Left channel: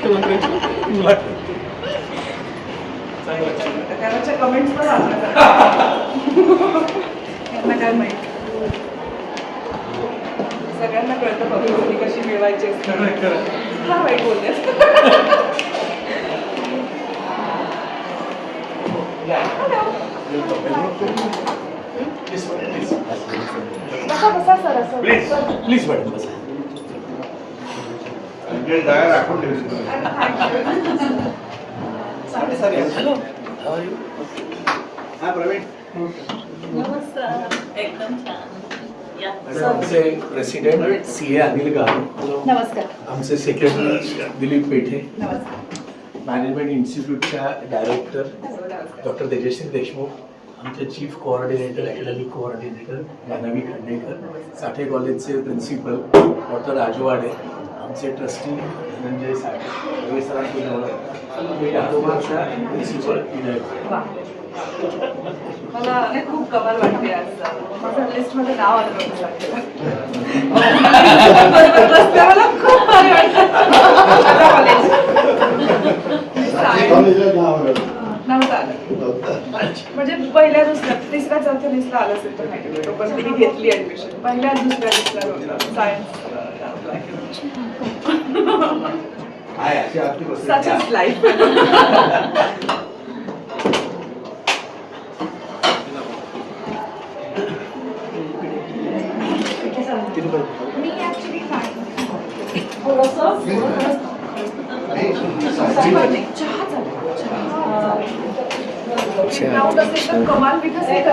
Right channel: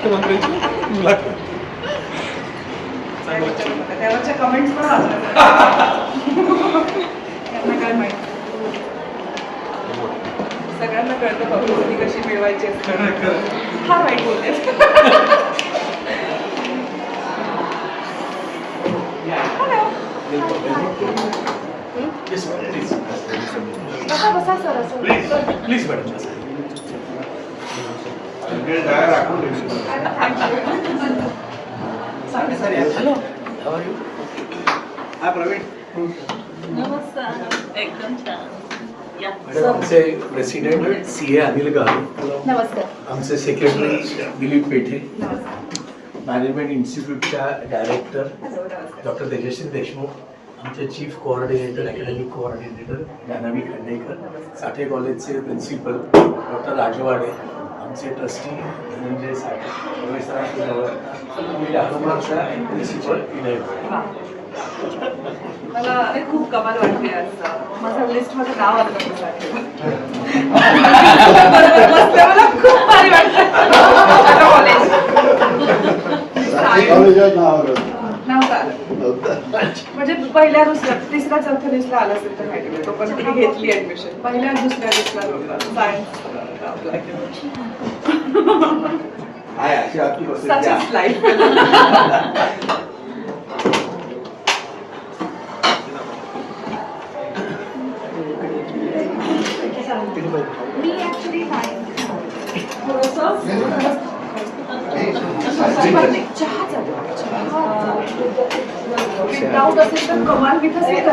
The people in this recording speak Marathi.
मुख्यमंत्र्यांची मुलाखत. त्यावरच्या कमेंट्स पण वाचल्या यांना काय माहिती. सगळ्यांना कळतं पब्लिसिटी कशी मिळवायची असते. फार वाईट बोलले. बसा सर असं प्लीज मॅडम. आमचे प्रेसिडेंट CA अनिल गारू, नमस्कार. आमचे सेक्रेटरी दिलीप पेठे, नमस्कार. मॅनेजमेंट इन्स्टिट्यूटच्या डायरेक्टर डॉक्टर तेजश्री देशमुख, आमचे chief coordinator academic coordinator Janhavi Khandekar, Sathe कॉलेजचे प्रिन्सिपल डॉक्टर राजवाडे, आमचे ट्रस्टी धनंजय साठे, रमेशरावच्या प्रिन्सिपल विनय. मला खूप कमाल वाटते आज. माझ्या लिस्टमध्ये नाव आलं नव्हतं. मला खूप भारी वाटतं. नव्हतं आलं म्हणजे पहिल्या दुसऱ्या तिसऱ्या चौथ्या लिस्टला आलं असेल तर माहिती. पण मी घेतली ऍडमिशन पहिल्या दुसऱ्या लिस्टला नव्हतं. Science such is life. Me actually चहा डाऊट असेल तर कमाल विकसित